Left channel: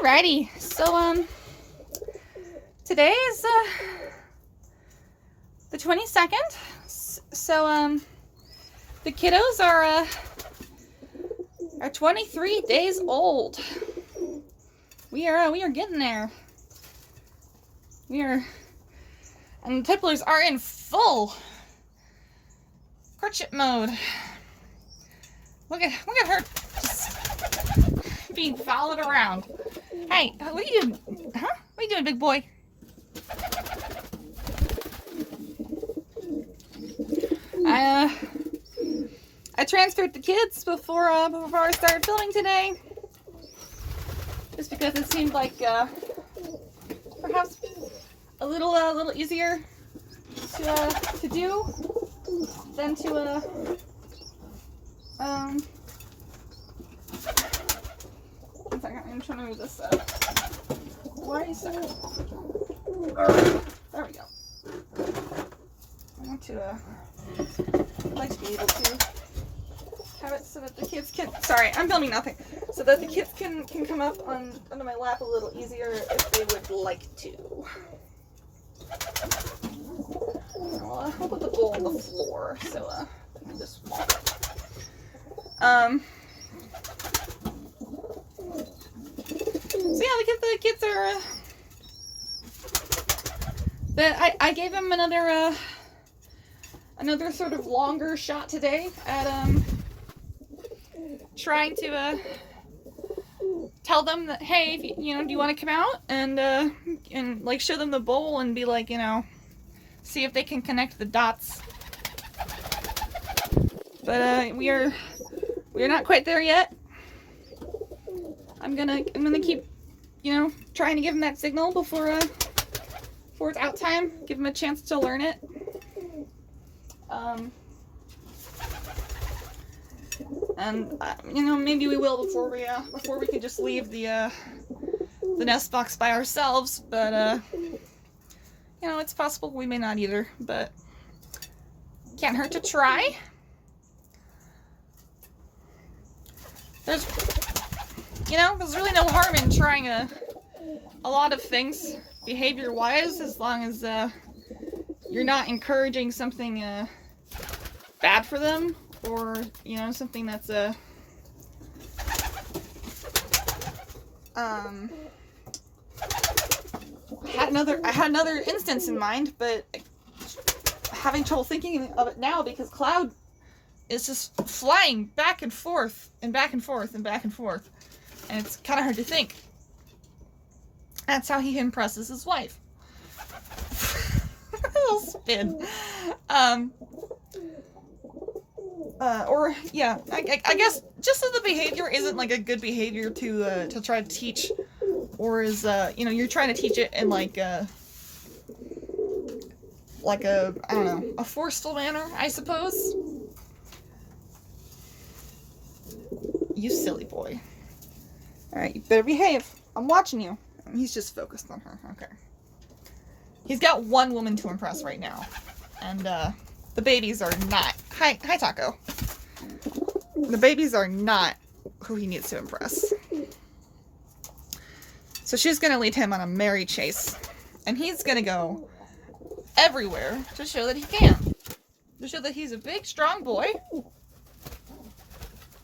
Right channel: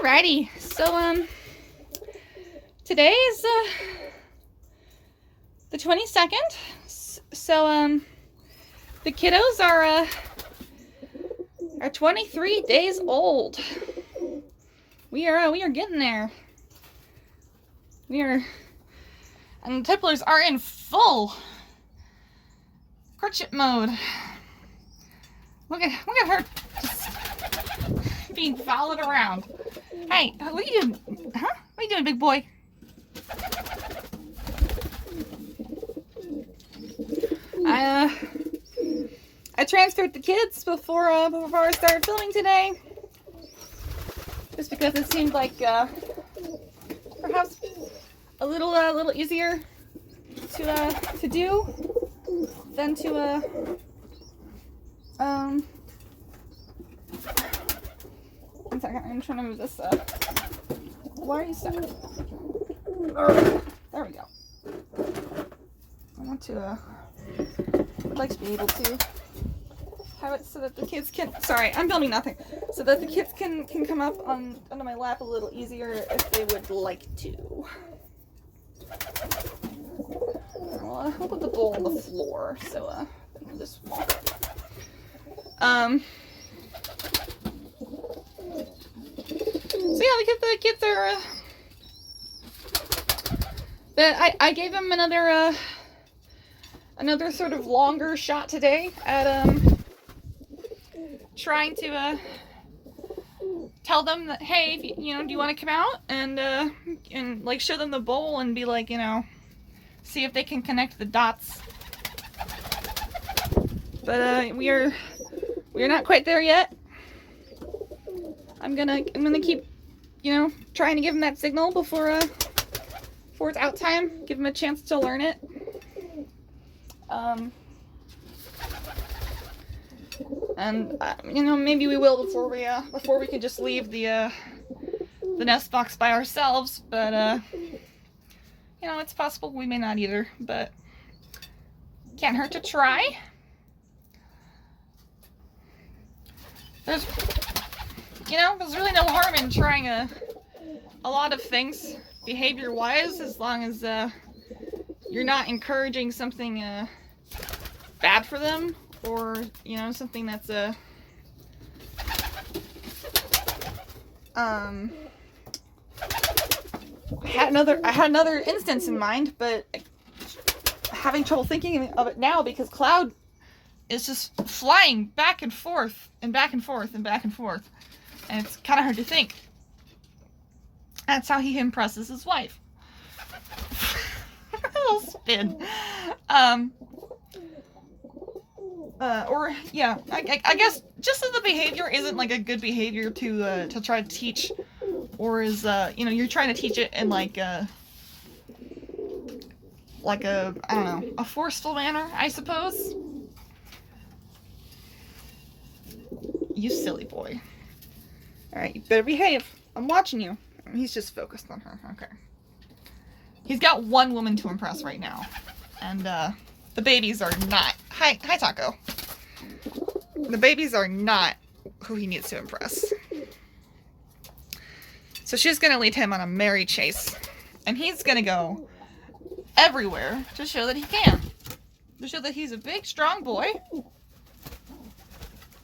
Alrighty, so today is the 22nd. So the kiddos are 23 days old. We are getting there. And the tipplers are in full courtship mode. Look at her just being followed around. Hey, what are you doing? Huh? What are you doing, big boy? I transferred the kids before I started filming today, just because it seemed like perhaps a little easier to do than to one second, I'm trying to move this up. Why are you stuck? There we go. I want to I'd like to be able to have it so that the kids can, sorry, I'm filming nothing, so that the kids can come up onto my lap a little easier if they would like to. Well, I'll put the bowl on the floor so I can just walk it. So yeah, the kids are I gave him another sort of longer shot today at trying to tell them that, hey, if do you want to come out and like show them the bowl and be like, see if they can connect the dots. But we are not quite there yet. I'm gonna keep trying to give him that signal before it's out time. Give him a chance to learn it. And maybe we will before we can just leave the nest box by ourselves. But it's possible we may not either. But can't hurt to try. There's really no harm in trying a lot of things behavior-wise, as long as you're not encouraging something bad for them, or something that's I had another instance in mind, but having trouble thinking of it now because Cloud is just flying back and forth and back and forth and back and forth, and it's kind of hard to think. That's how he impresses his wife. A little spin. I guess just that the behavior isn't like a good behavior to try to teach, or is you're trying to teach it in like a I don't know, a forceful manner, I suppose. You silly boy. Alright, you better behave. I'm watching you. He's just focused on her. Okay. He's got one woman to impress right now. And the babies are not. Hi Taako. The babies are not who he needs to impress. So she's going to lead him on a merry chase. And he's going to go everywhere to show that he can. To show that he's a big, strong boy.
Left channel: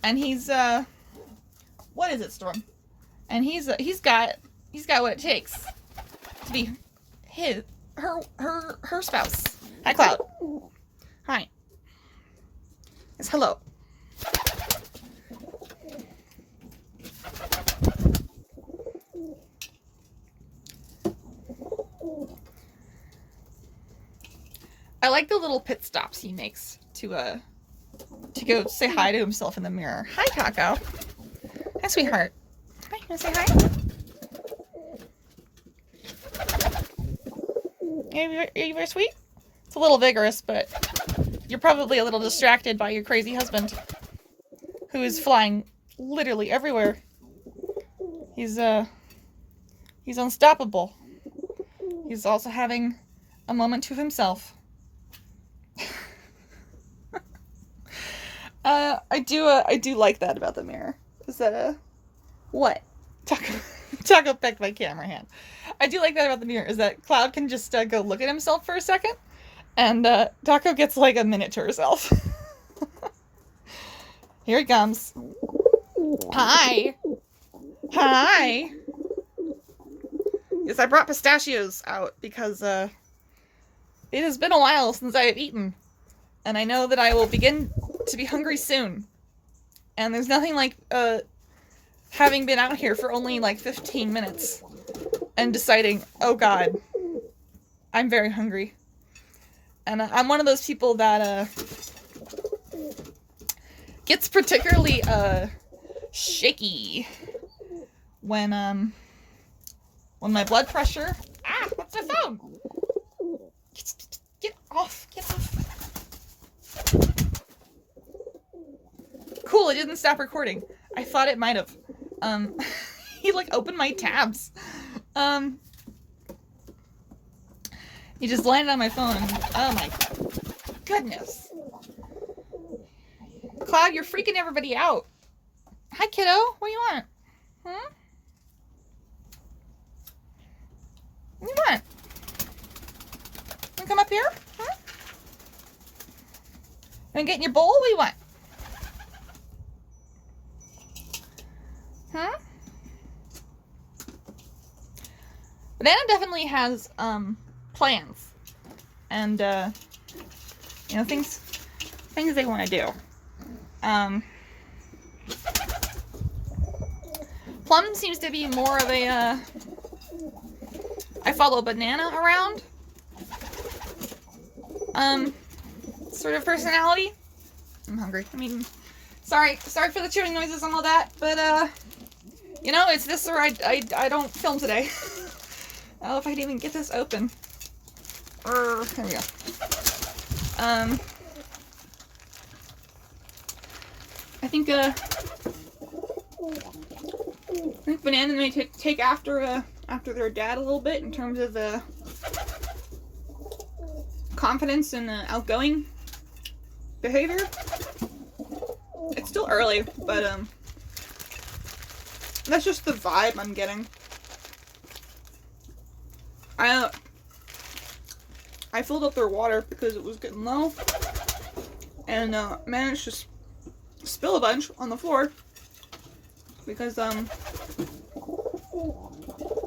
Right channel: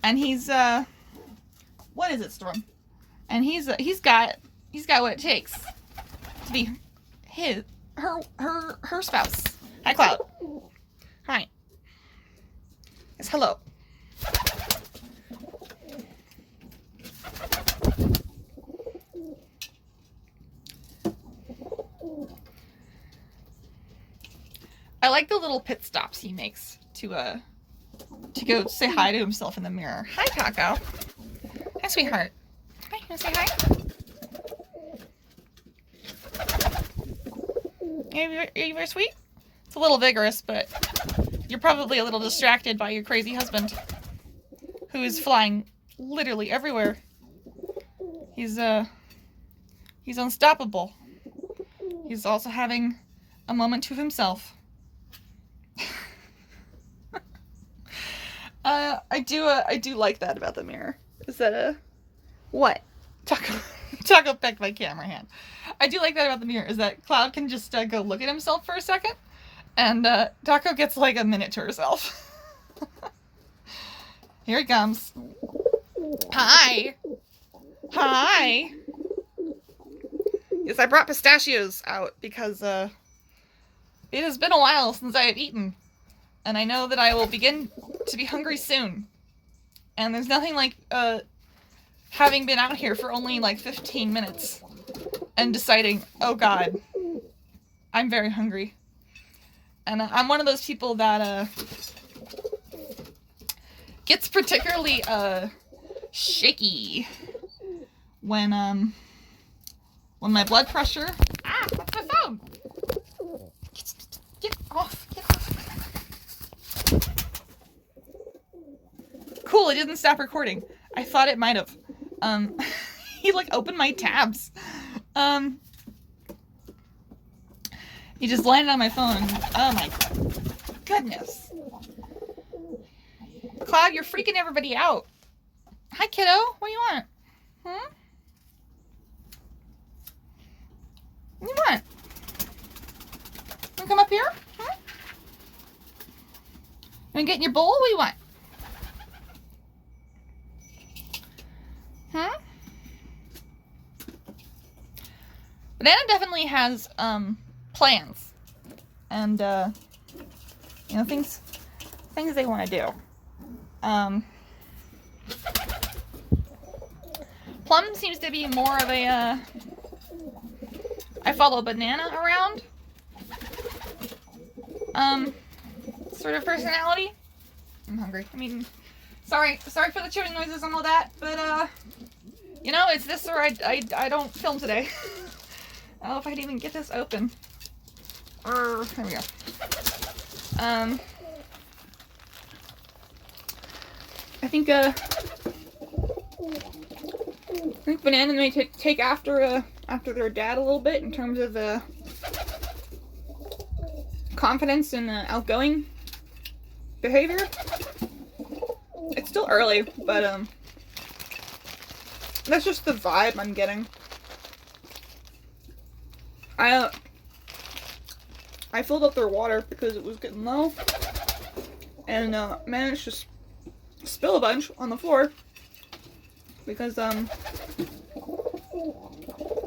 And he's what is it, Storm? And he's got what it takes to be her spouse. Hi, Cloud. Hi. Yes, hello. I like the little pit stops he makes to go say hi to himself in the mirror. Hi, Taako. Hi, sweetheart. Hi, you wanna say hi? Are you very sweet? It's a little vigorous, but you're probably a little distracted by your crazy husband, who is flying literally everywhere. He's unstoppable. He's also having a moment to himself. I do like that about the mirror. Is that what? Taako Taako pecked my camera hand. I do like that about the mirror, is that Cloud can just go look at himself for a second, and Taako gets like a minute to herself. Here it comes. Hi. Hi. Yes, I brought pistachios out because it has been a while since I have eaten, and I know that I will begin to be hungry soon. And there's nothing like having been out here for only like 15 minutes and deciding, oh god, I'm very hungry. And I'm one of those people that gets particularly shaky when my blood pressure... Ah, that's my phone! Get off! Get off! Cool, it didn't stop recording. I thought it might have. He like opened my tabs. He just landed on my phone. Oh my goodness. Cloud, you're freaking everybody out. Hi, kiddo. What do you want? Hmm? What do you want? You wanna come up here? Hmm? You wanna get in your bowl? What do you want? Huh? Banana definitely has plans and you know, things they want to do. Plum seems to be more of a I follow Banana around sort of personality. I'm hungry. I mean, sorry for the chewing noises and all that, but you know, it's this or I don't film today. I don't know if I can even get this open. There we go. I think Banana may take after their dad a little bit in terms of confidence and outgoing behavior. It's still early, but that's just the vibe I'm getting. I filled up their water because it was getting low, and managed to spill a bunch on the floor because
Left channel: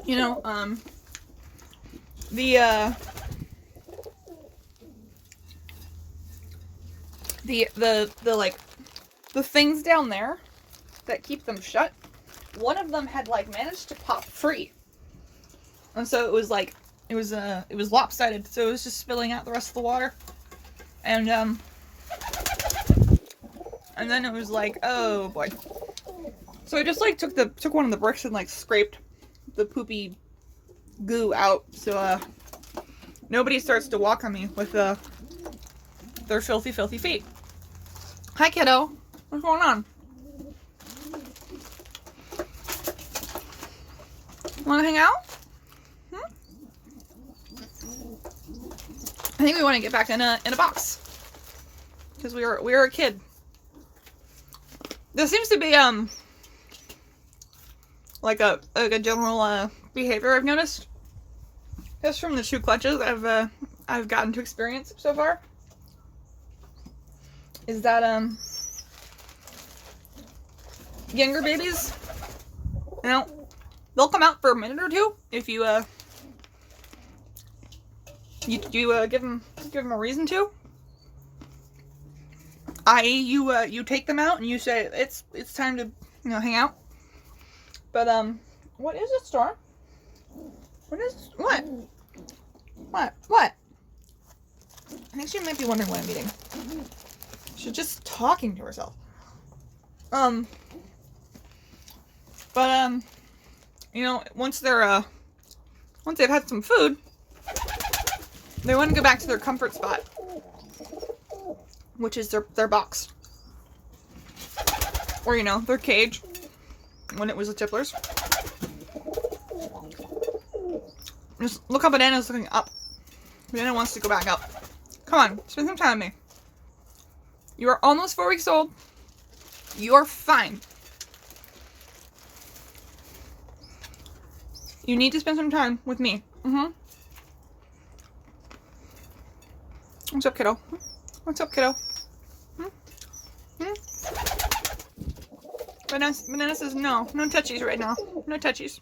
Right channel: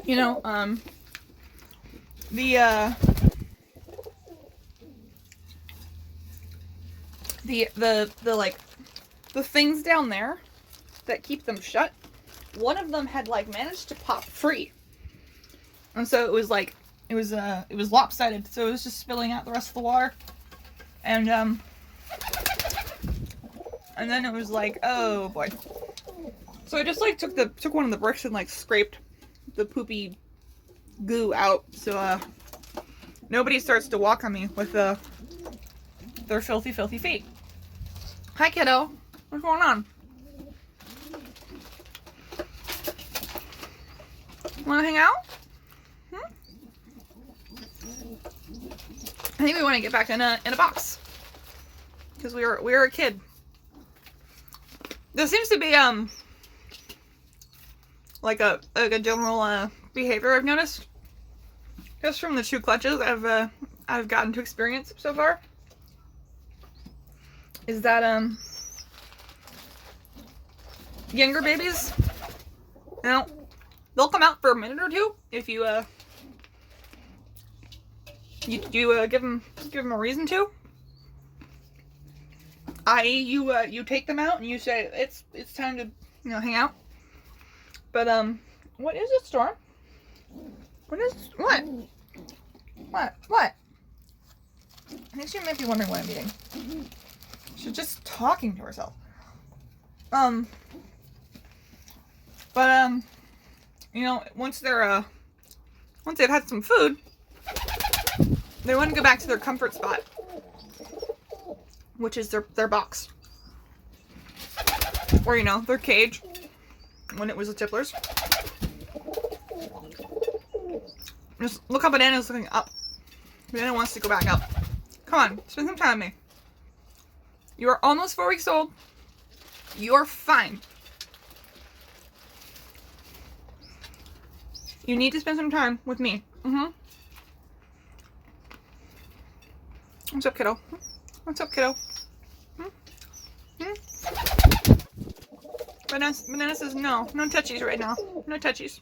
you know, the like the things down there that keep them shut, one of them had like managed to pop free, and so it was like it was lopsided, so it was just spilling out the rest of the water, and then it was like, oh boy. So I just like took one of the bricks and like scraped the poopy goo out, so nobody starts to walk on me with their filthy feet. Hi, kiddo. What's going on? Want to hang out? I think we want to get back in a box because we were a kid. There seems to be like a general behavior I've noticed just from the 2 clutches I've gotten to experience so far, is that younger babies, you know, they'll come out for a minute or two if you give them a reason to. I.e., you take them out and you say it's time to, you know, hang out. But what is it, Storm? What? I think she might be wondering what I'm eating. She's just talking to herself. But you know, once they've had some food, they want to go back to their comfort spot, which is their box, or you know, their cage when it was the Tipplers. Just look how Banana's looking up. Banana wants to go back up. Come on, spend some time with me. You are almost 4 weeks old. You're fine. You need to spend some time with me. What's up, kiddo? What's up, kiddo? Banana says no touchies right now. No touchies.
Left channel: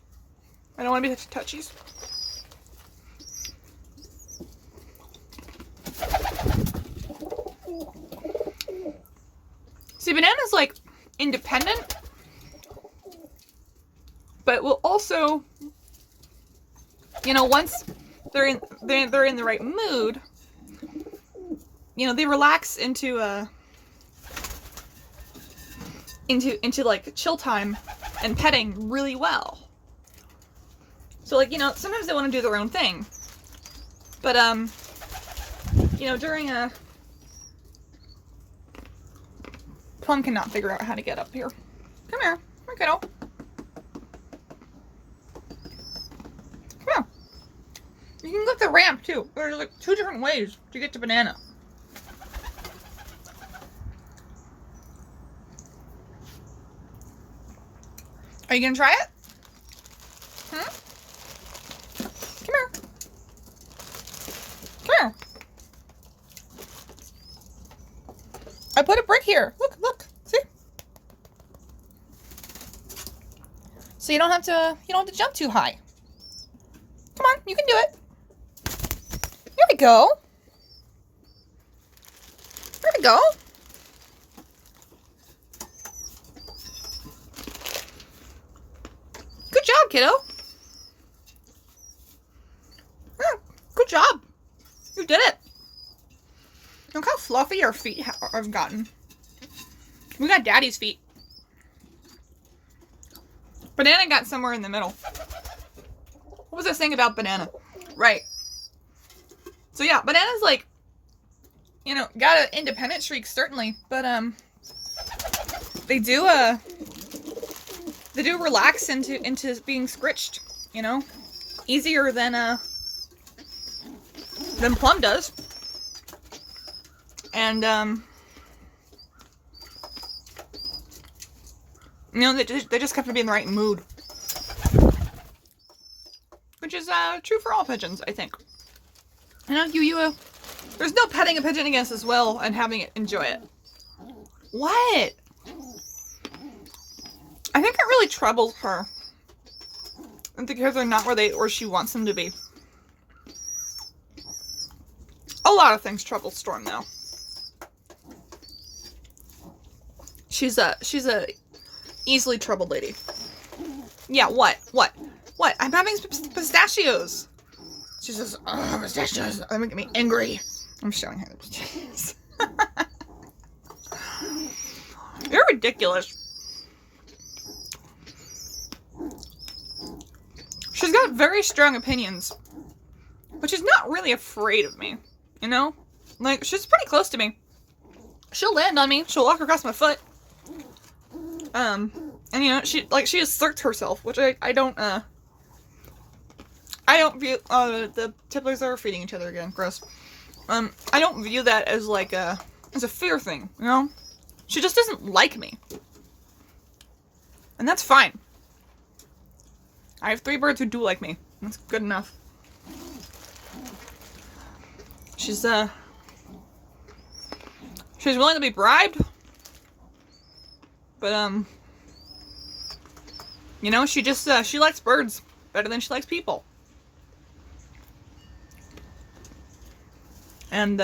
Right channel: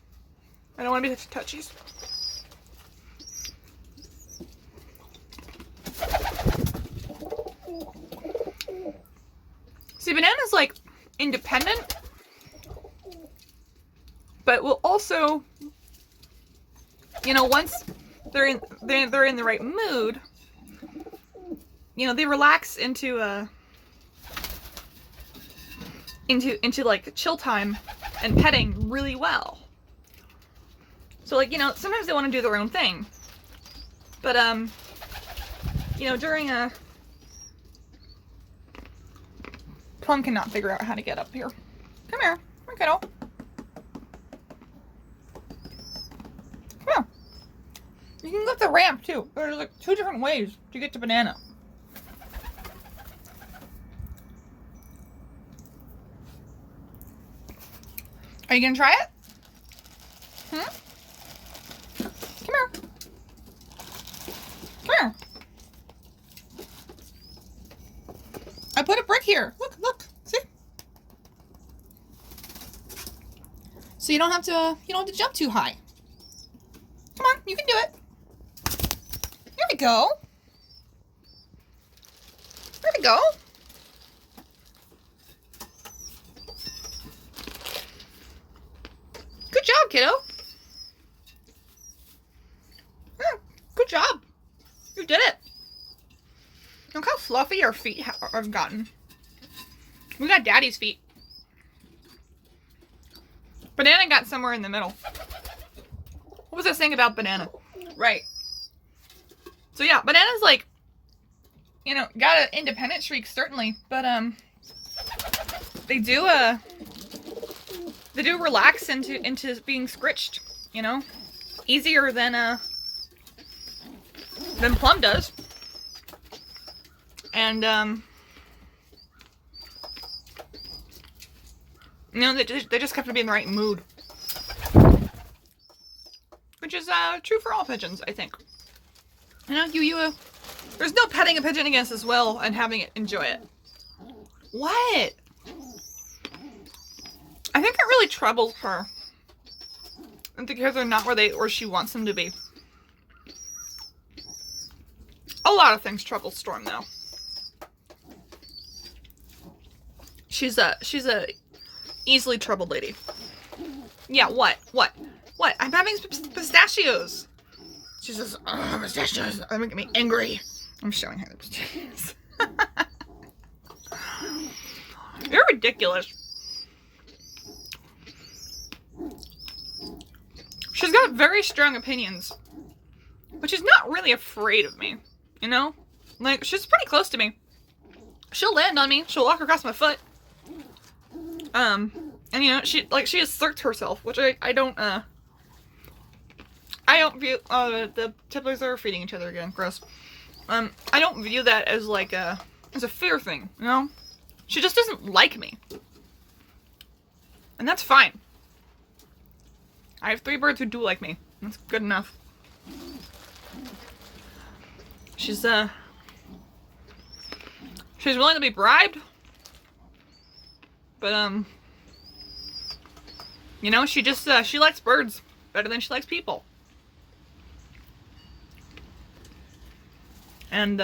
I don't want to be touchies. See, Banana's like independent, but will also, you know, once they're in the right mood, you know, they relax into like chill time and petting really well. So like, you know, sometimes they want to do their own thing, but you know, during Plum cannot figure out how to get up here. Come here, kiddo. Come on. You can go up the ramp too. There's like 2 different ways to get to Banana. Are you gonna try it? Come here. Come here. I put a brick here. Look, see? So you don't have to jump too high. Come on, you can do it. Here we go. There we go. Good job, kiddo. Yeah, good job. You did it. Look how fluffy our feet have gotten. We got Daddy's feet. Banana got somewhere in the middle. What was I saying about Banana? Right. So yeah, Banana's like, you know, got an independent streak certainly, but they do relax into being scritched, you know, easier than Plum does. And, you know, they just have to be in the right mood. Which is, true for all pigeons, I think. You know, there's no petting a pigeon against as well and having it enjoy it. What? I think it really troubles her. Because they're not where she wants them to be. A lot of things trouble Storm, though. She's a easily troubled lady. Yeah, what? I'm having pistachios. She says, oh, pistachios. They're making me angry. I'm showing her the pistachios. You're ridiculous. She's got very strong opinions. But she's not really afraid of me. You know? Like, she's pretty close to me. She'll land on me. She'll walk across my foot. And you know, she asserts herself, which I don't view, the tipplers are feeding each other again, gross. I don't view that as like as a fear thing, you know? She just doesn't like me. And that's fine. I have 3 birds who do like me. That's good enough. She's willing to be bribed. But, you know, she just, she likes birds better than she likes people. And,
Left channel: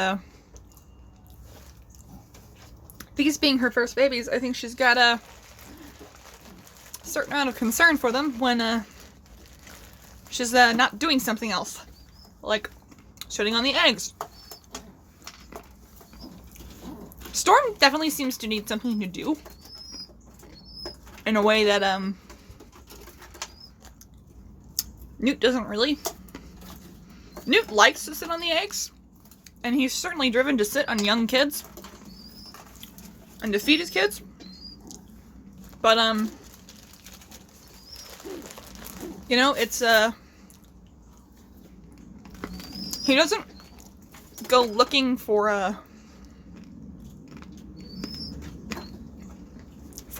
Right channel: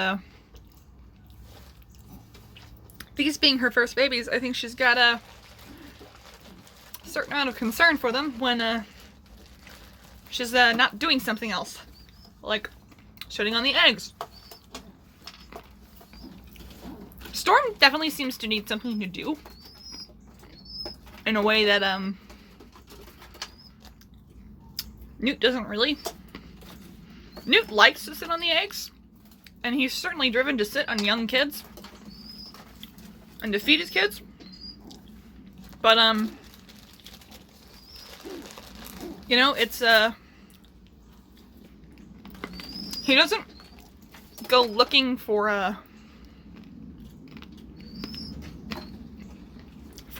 these being her first babies, I think she's got a certain amount of concern for them when, she's, not doing something else. Like, shutting on the eggs. Storm definitely seems to need something to do. In a way that, Newt doesn't really. Newt likes to sit on the eggs. And he's certainly driven to sit on young kids. And to feed his kids. But, you know, it's, he doesn't go looking for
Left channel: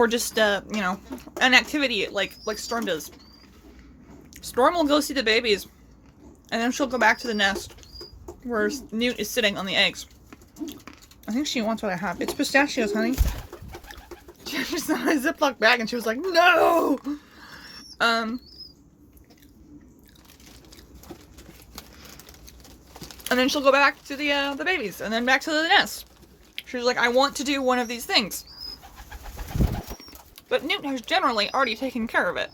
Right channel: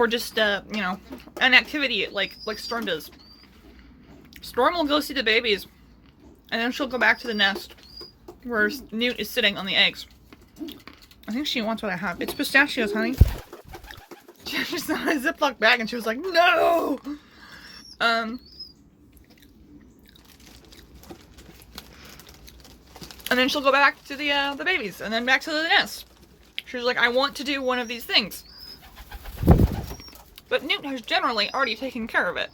just, you know, an activity like Storm does. Storm will go see the babies, and then she'll go back to the nest where Newt is sitting on the eggs. I think she wants what I have. It's pistachios, honey. She saw a Ziploc bag and she was like, no! And then she'll go back to the babies, and then back to the nest. She's like, I want to do one of these things. But Newt has generally already taken care of it.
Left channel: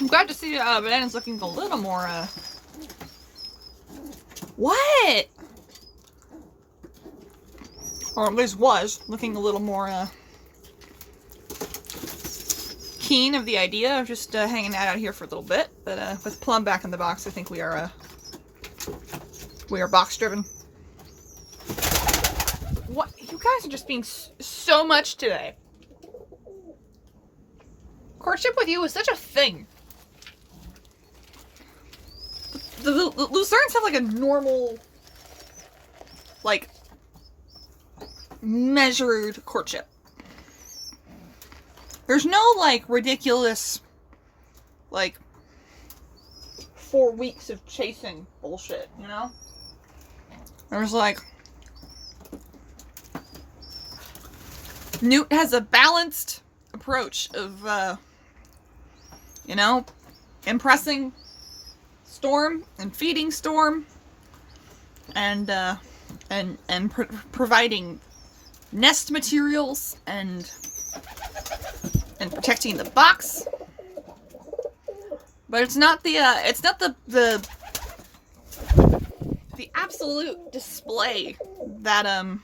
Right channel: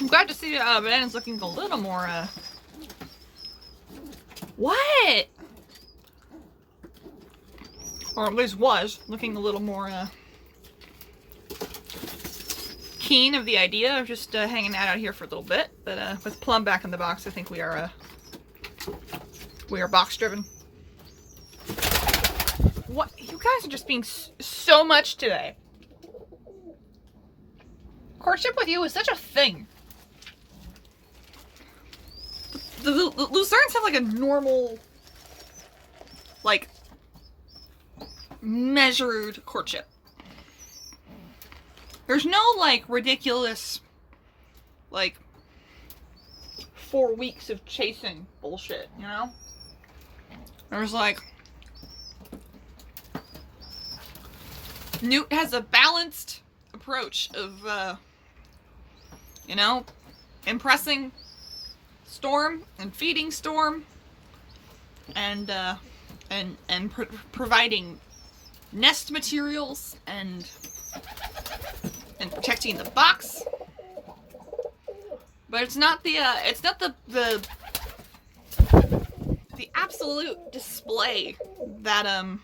I'm glad to see Banana's looking a little more, What? Or at least was looking a little more, keen of the idea of just hanging out here for a little bit. But with Plum back in the box, I think we are box driven. What? You guys are just being so much today. Courtship with you is such a thing. The Lucerne have like a normal, like, measured courtship. There's no, like, ridiculous, like, 4 weeks of chasing bullshit, you know? There's, like, Newt has a balanced approach of, you know, impressing Storm and feeding Storm and providing nest materials and protecting the box. But it's not the absolute display that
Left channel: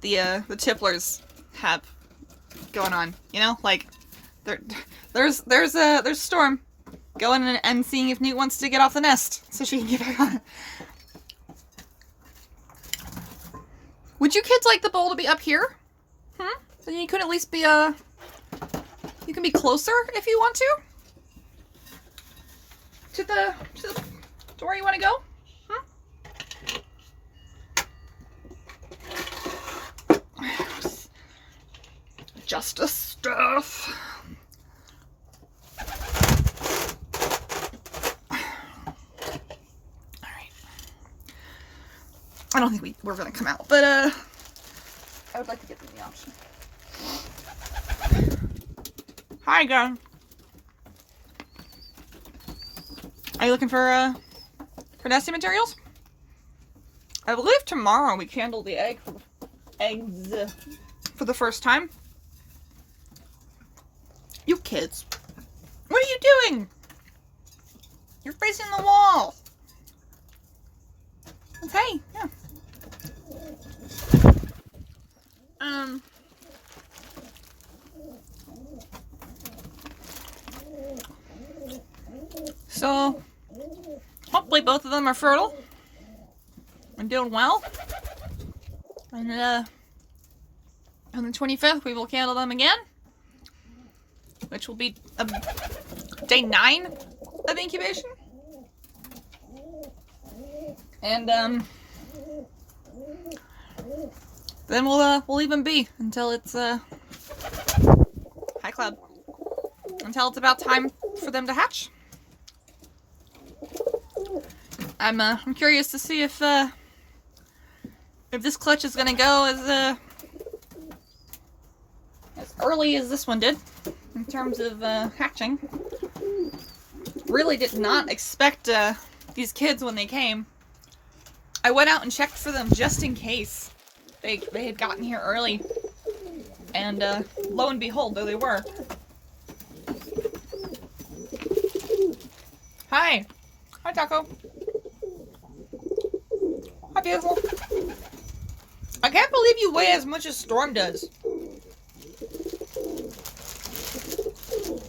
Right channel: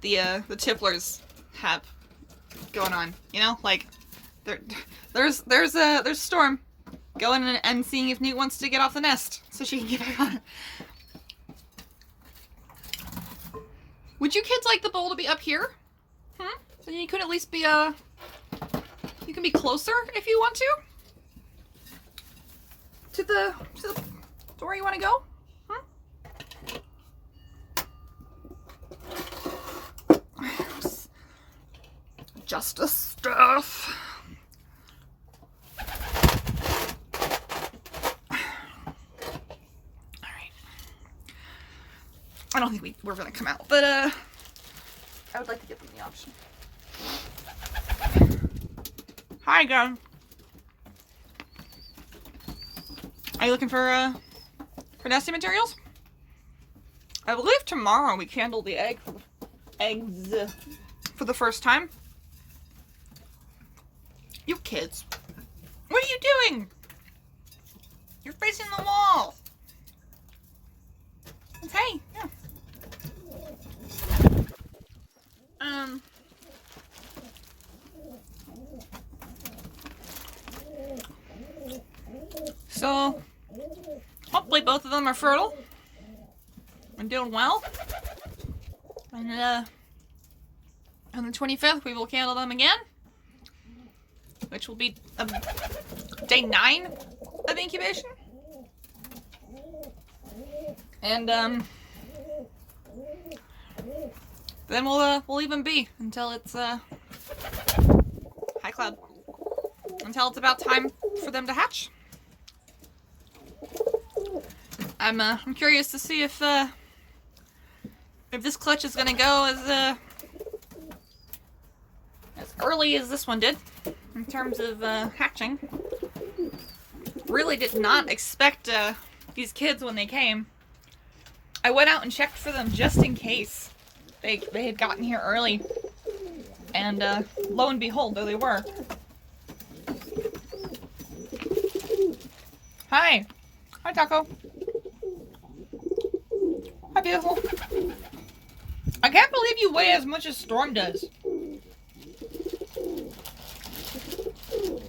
the Tipplers have going on, you know? Like, there's Storm going and seeing if Newt wants to get off the nest so she can get back on it. Would you kids like the bowl to be up here? So you could at least be you can be closer if you want to the where you want to go. Justice stuff. I don't think we're gonna come out, but I would like to give them the option. Hi, girl. Are you looking for nesting materials? I believe tomorrow we candle the eggs for the first time. You kids, what are you doing? You're facing the wall. Okay, yeah. So, hopefully both of them are fertile and doing well. And on the 25th, we will candle them again, which will be day 9 of incubation. And then we'll leave them be until it's hi Cloud, until it's about time for them to hatch. I'm curious to see if this clutch is gonna go as early as this one did in terms of hatching. Really did not expect these kids when they came. I went out and checked for them just in case they had gotten here early, and lo and behold, there they were. Hi Taako. Hi, beautiful. I can't believe you weigh as much as Storm does.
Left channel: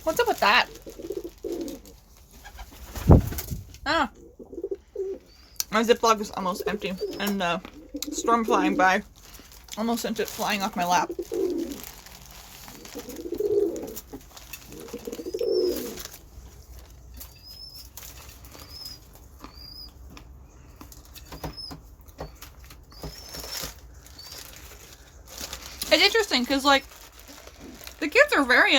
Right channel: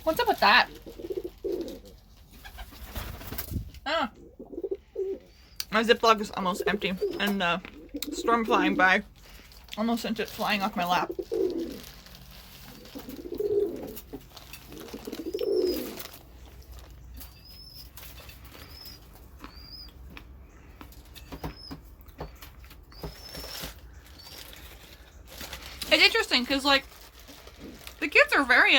What's up with that? Oh. My Ziploc is almost empty, and Storm flying by almost sent it flying off my lap. It's interesting because, like, the kids are very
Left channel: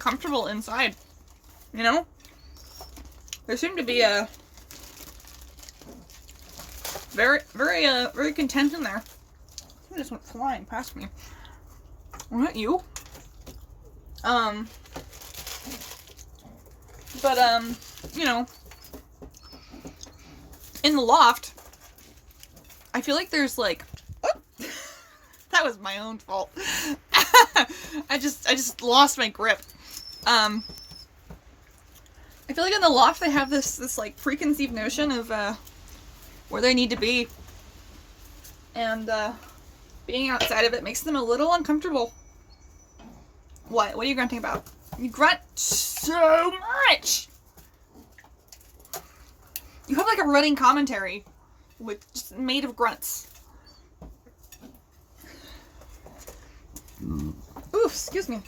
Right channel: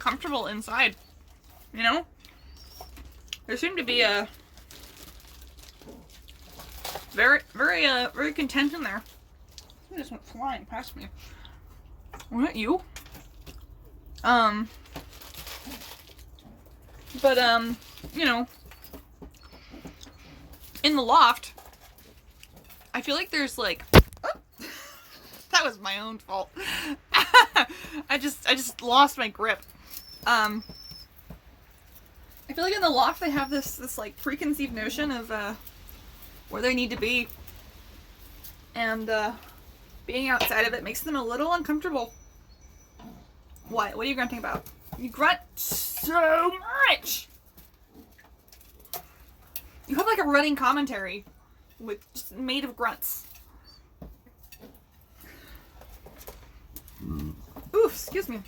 comfortable inside. You know? There seemed to be a very content in there. It just went flying past me. Was that you? But, you know, in the loft, I feel like there's, like, oh, that was my own fault. I just lost my grip. I feel like in the loft they have this like, preconceived notion of, where they need to be. And, being outside of it makes them a little uncomfortable. What? What are you grunting about? You grunt so much! You have like a running commentary with just made of grunts. Ooh, excuse me.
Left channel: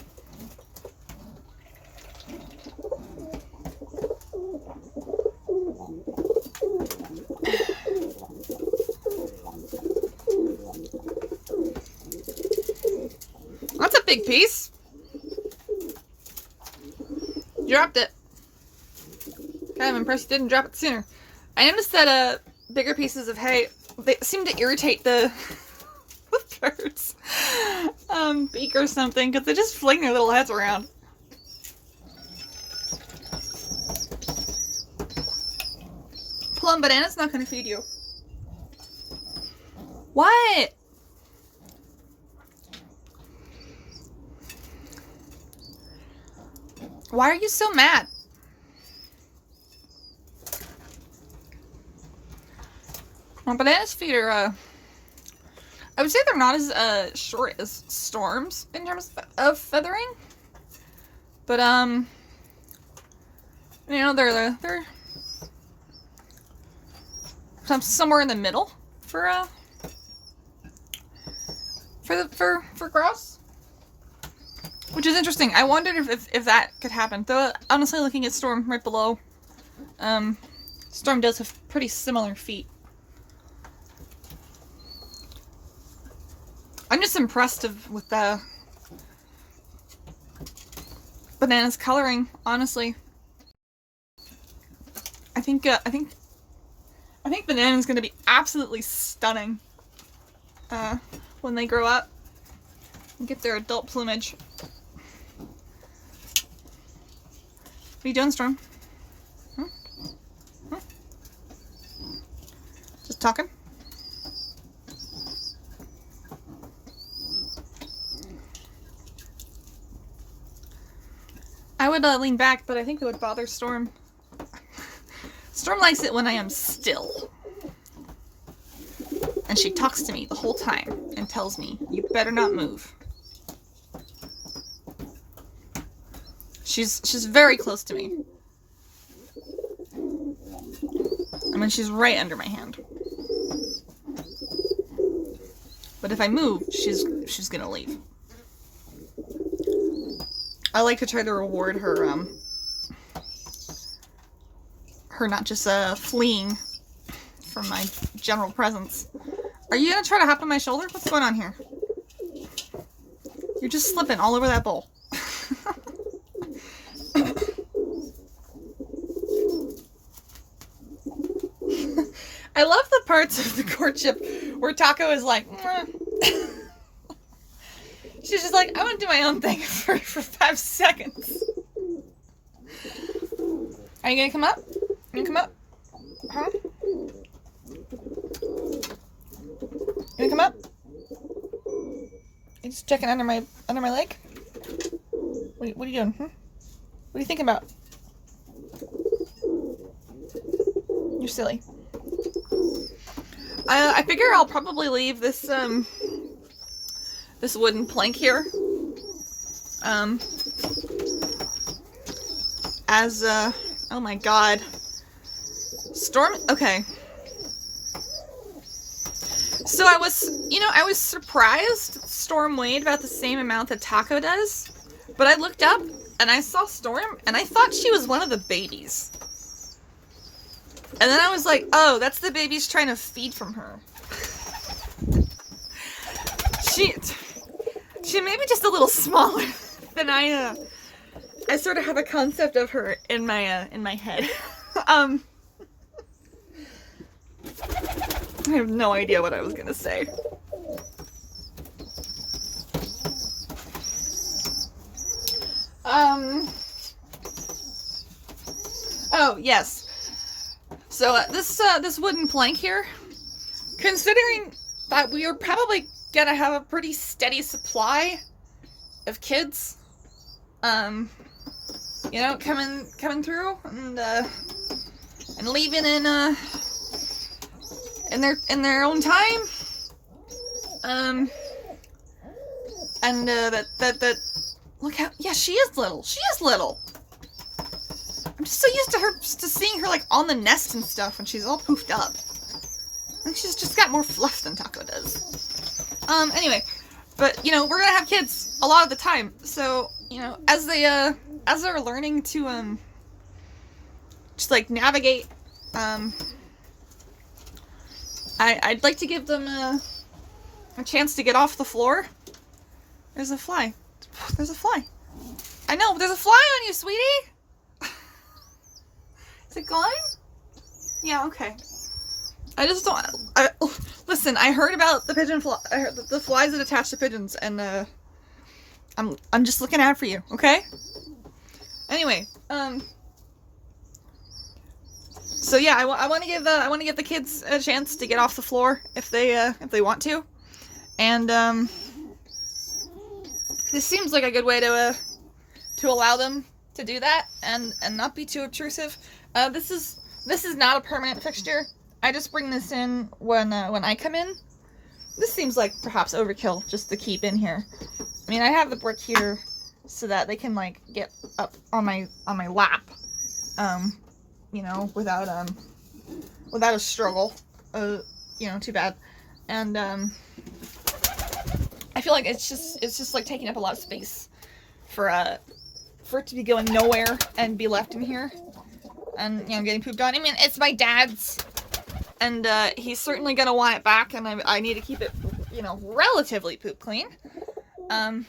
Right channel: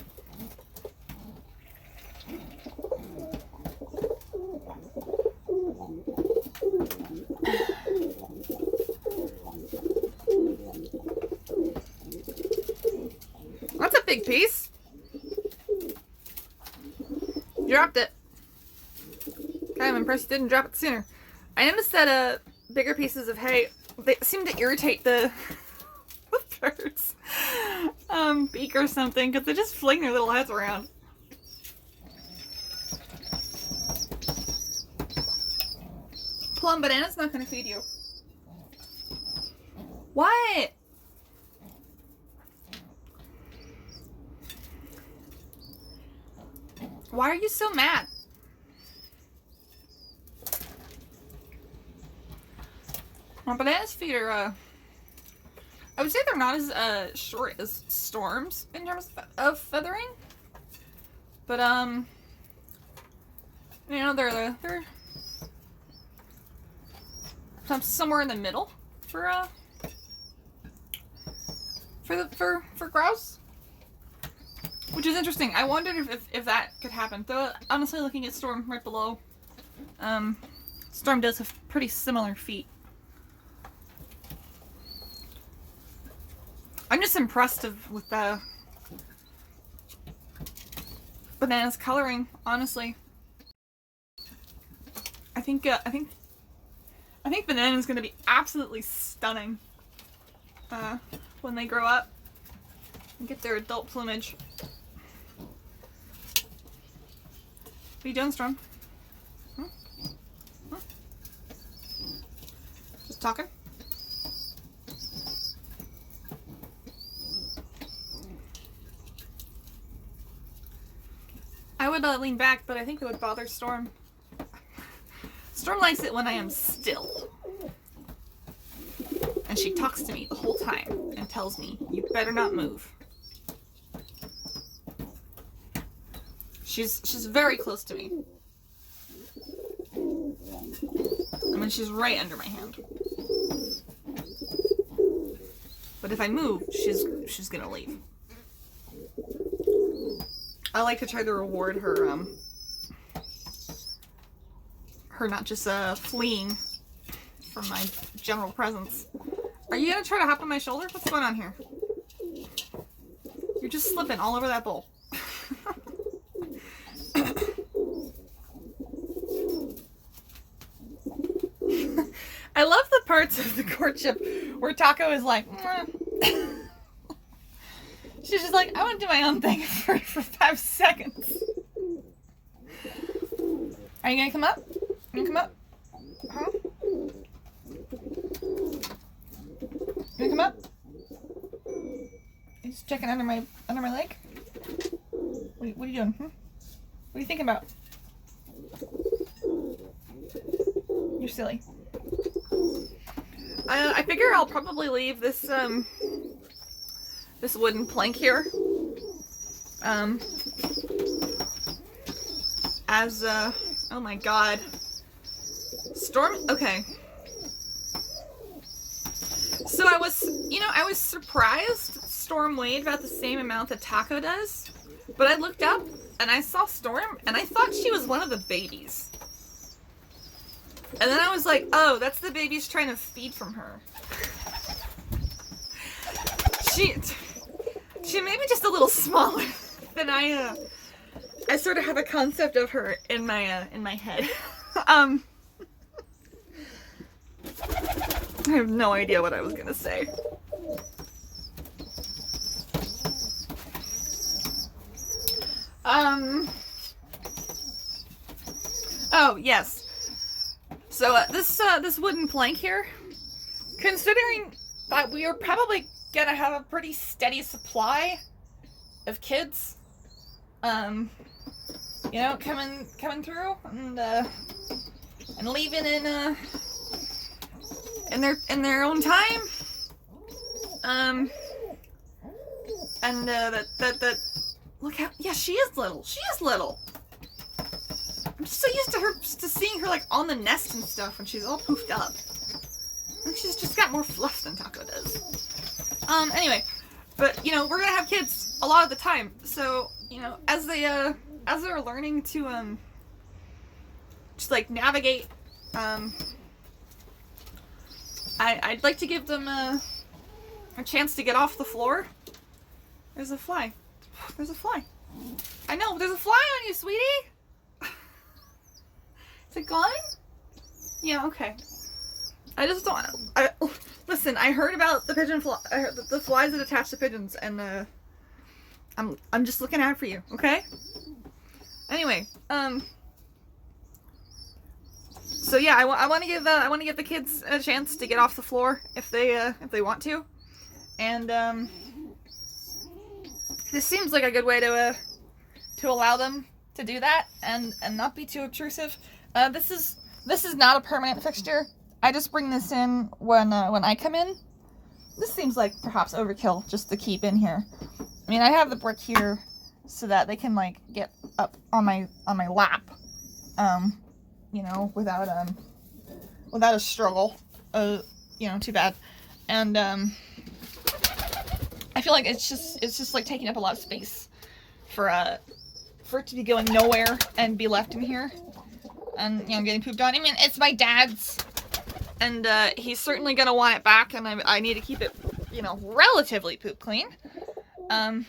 That's a big piece. Dropped it. Kind of impressed you didn't drop it sooner. I noticed that bigger pieces of hay, they seem to irritate the birds' beak or something, because they just fling their little heads around. Plum Banana's not going to feed you. What? Why are you so mad? Well, Banana's feet are, I would say they're not as, short as Storm's in terms of feathering. But, you know, they're somewhere in the middle for grouse. Which is interesting. I wondered if that could happen. Though, honestly, looking at Storm right below, Storm does have pretty similar feet. I'm just impressed with the Banana's coloring, honestly. I think Banana's gonna be absolutely stunning when they grow up and get their adult plumage. What are you doing, Storm? Just talking? I would lean back, but I think it would bother Storm. Storm likes it when I am still. And she talks to me the whole time and tells me, you better not move. She's very close to me. I mean, she's right under my hand. But if I move, she's gonna leave. I like to try to reward her, her not just, fleeing from my general presence. Are you gonna try to hop on my shoulder? What's going on here? You're just slipping all over that bowl. I love the parts of the courtship where Taako is like, she's just like, I want to do my own thing for 5 seconds. Are you gonna come up? You gonna come up? Huh? You gonna come up? You just checking under my leg? What are you doing? What are you thinking about? You're silly. I figure I'll probably leave this this wooden plank here as oh my god. Storm, okay. So I was surprised Storm weighed about the same amount that Taako does, but I looked up and I saw Storm and I thought she was one of the babies. And then I was like, oh, that's the baby's trying to feed from her. She may be just a little smaller than I sort of have a concept of her in my head. I have no idea what I was gonna say. Oh, yes. So, this wooden plank here, considering that we are probably gonna have a pretty steady supply of kids, you know, coming through and leaving in their own time, and that look how, yeah, she is little. She is little. I'm just so used to seeing her like on the nest and stuff when she's all poofed up. And she's just got more fluff than Taako does. Anyway, but you know, we're gonna have kids a lot of the time, so you know, as they're learning to just like navigate, I'd like to give them a chance to get off the floor. There's a fly. There's a fly. I know, there's a fly on you, sweetie. Is it gone? Yeah, okay. I just don't. Listen, I heard about the pigeon fly. I heard the flies that attach to pigeons, and I'm just looking out for you, okay? Anyway, so yeah, I want to give the kids a chance to get off the floor if they want to, and this seems like a good way to allow them to do that and not be too obtrusive. This is not a permanent fixture. I just bring this in when I come in. This seems like perhaps overkill just to keep in here. I mean, I have the brick here so that they can like get up on my lap, you know, without a struggle. You know, too bad. And I feel like it's just like taking up a lot of space for it to be going nowhere and be left in here and, you know, getting pooped on. I mean, it's my dad's, and he's certainly gonna want it back, and I need to keep it, you know, relatively poop clean. You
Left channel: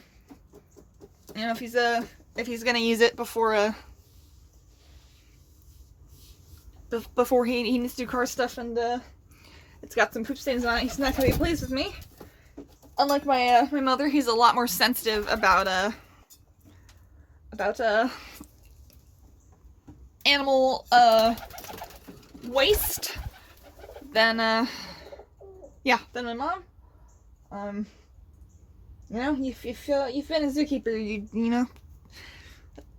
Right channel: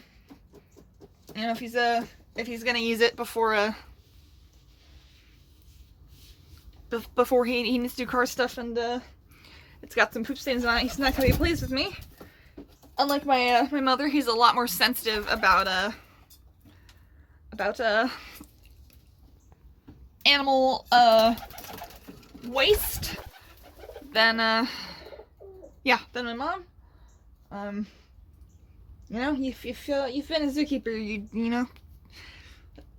know, if he's gonna use it before he needs to do car stuff, and it's got some poop stains on it, he's not gonna be pleased with me. Unlike my mother, he's a lot more sensitive about animal waste than my mom. You know, you've been a zookeeper, you know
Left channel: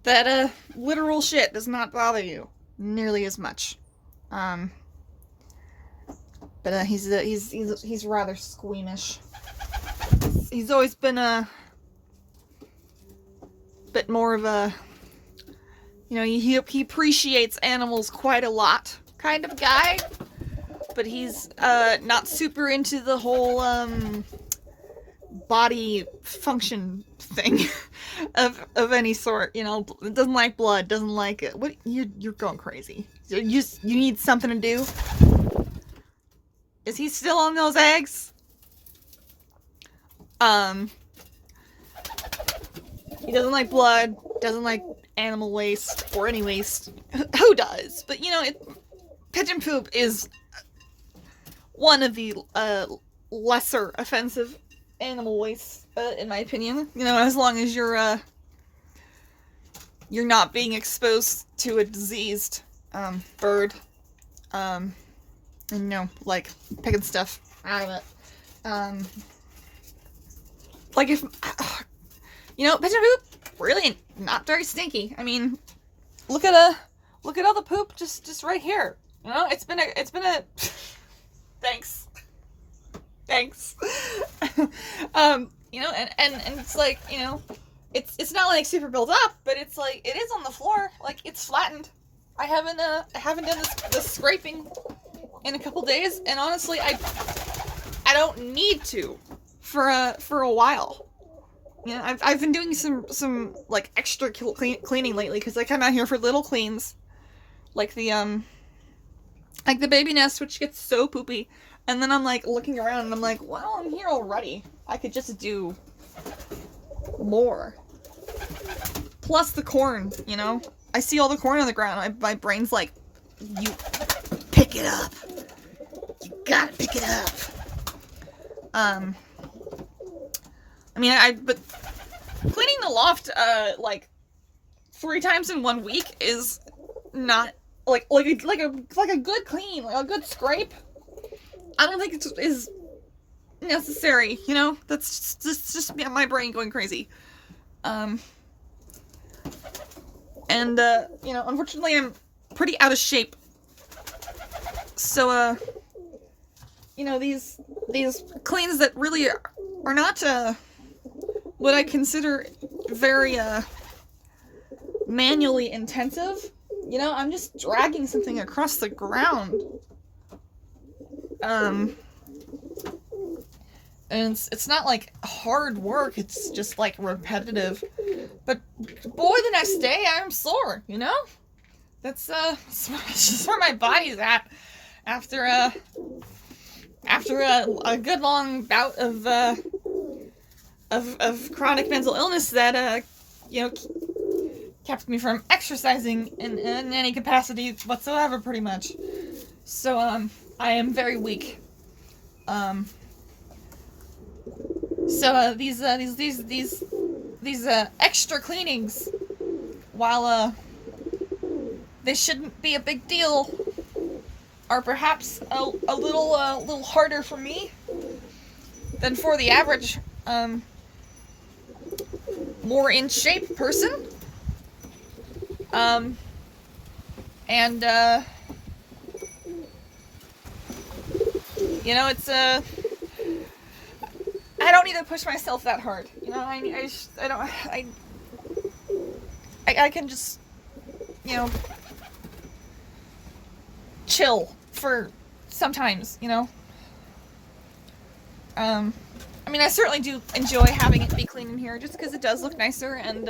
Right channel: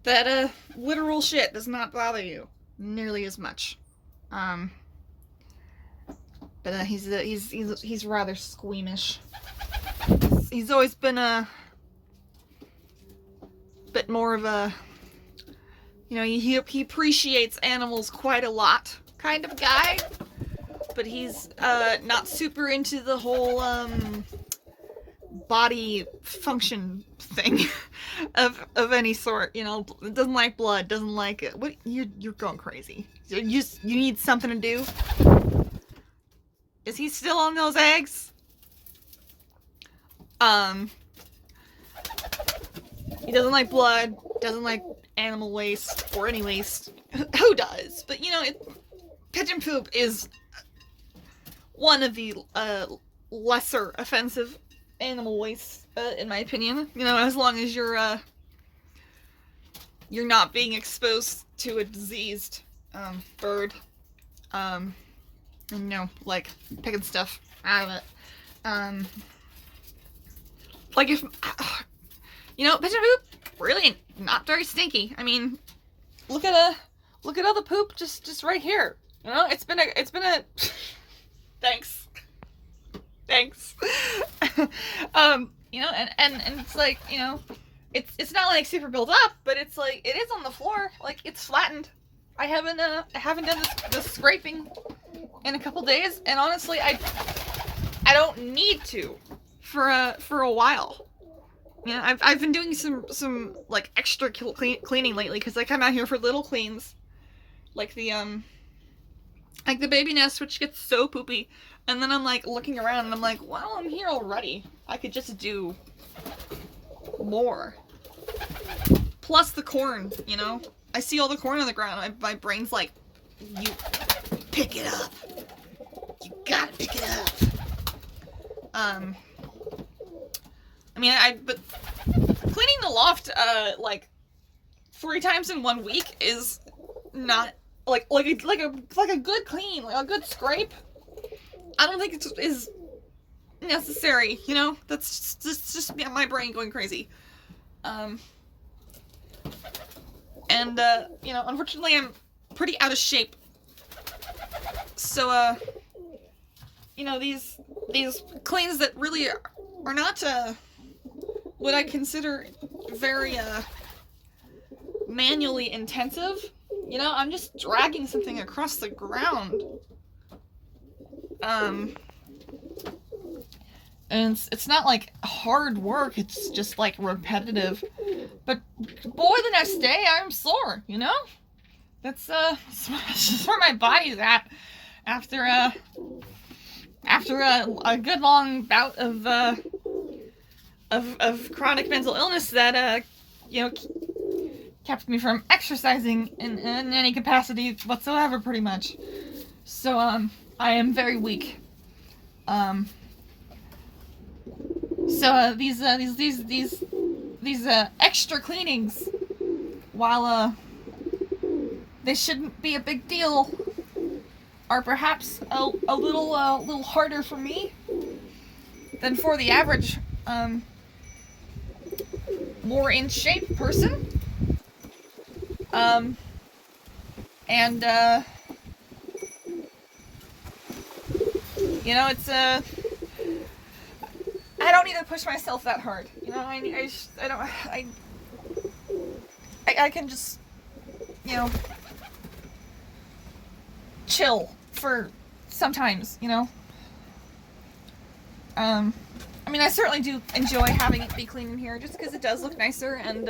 that literal shit does not bother you nearly as much. But he's rather squeamish. He's always been a bit more of a, you know, he appreciates animals quite a lot kind of guy, but he's not super into the whole body function thing of any sort. You know, doesn't like blood, doesn't like it. What, you're going crazy. You need something to do. Is he still on those eggs? He doesn't like blood, doesn't like animal waste, or any waste. Who does? But, you know, pigeon poop is one of the lesser offensive animal waste, in my opinion. You know, as long as you're not being exposed to a diseased bird, and, you know, like, picking stuff out of it. Like, if, you know, pigeon poop, really not very stinky. I mean, look at all the poop just right here. You know, it's been a, thanks. You know, and it's like, you know, it's not like super built up, but it's like, it is on the floor, like, it's flattened. I haven't done this scraping in a couple days, and honestly, I don't need to for a while. You know, I've been doing some like extra cleaning lately, because I come out here for little cleans, like the baby nest, which gets so poopy, and then I'm like looking around and I'm like, well, I'm here already. I could just do more. Plus the corn, you know? I see all the corn on the ground. My brain's like, you pick it up. You gotta pick it up. I mean, but cleaning the loft, like 3 times in 1 week is not like a good clean, like a good scrape. I don't think it is necessary, you know? That's just my brain going crazy. And you know, unfortunately I'm pretty out of shape. So, you know, these cleans that really are not, what I consider very, manually intensive. You know, I'm just dragging something across the ground. And it's not like hard work, it's just like repetitive. But boy, the next day I'm sore, you know? That's just where my body's at after a good long bout of chronic mental illness that you know, kept me from exercising in any capacity whatsoever, pretty much. So I am very weak. So these extra cleanings, while they shouldn't be a big deal, are perhaps a little harder for me than for the average more in shape person. And you know, it's I don't need to push myself that hard. You know, I can just, you know, chill for sometimes, you know. I mean, I certainly do enjoy having it be clean in here, just because it does look nicer, and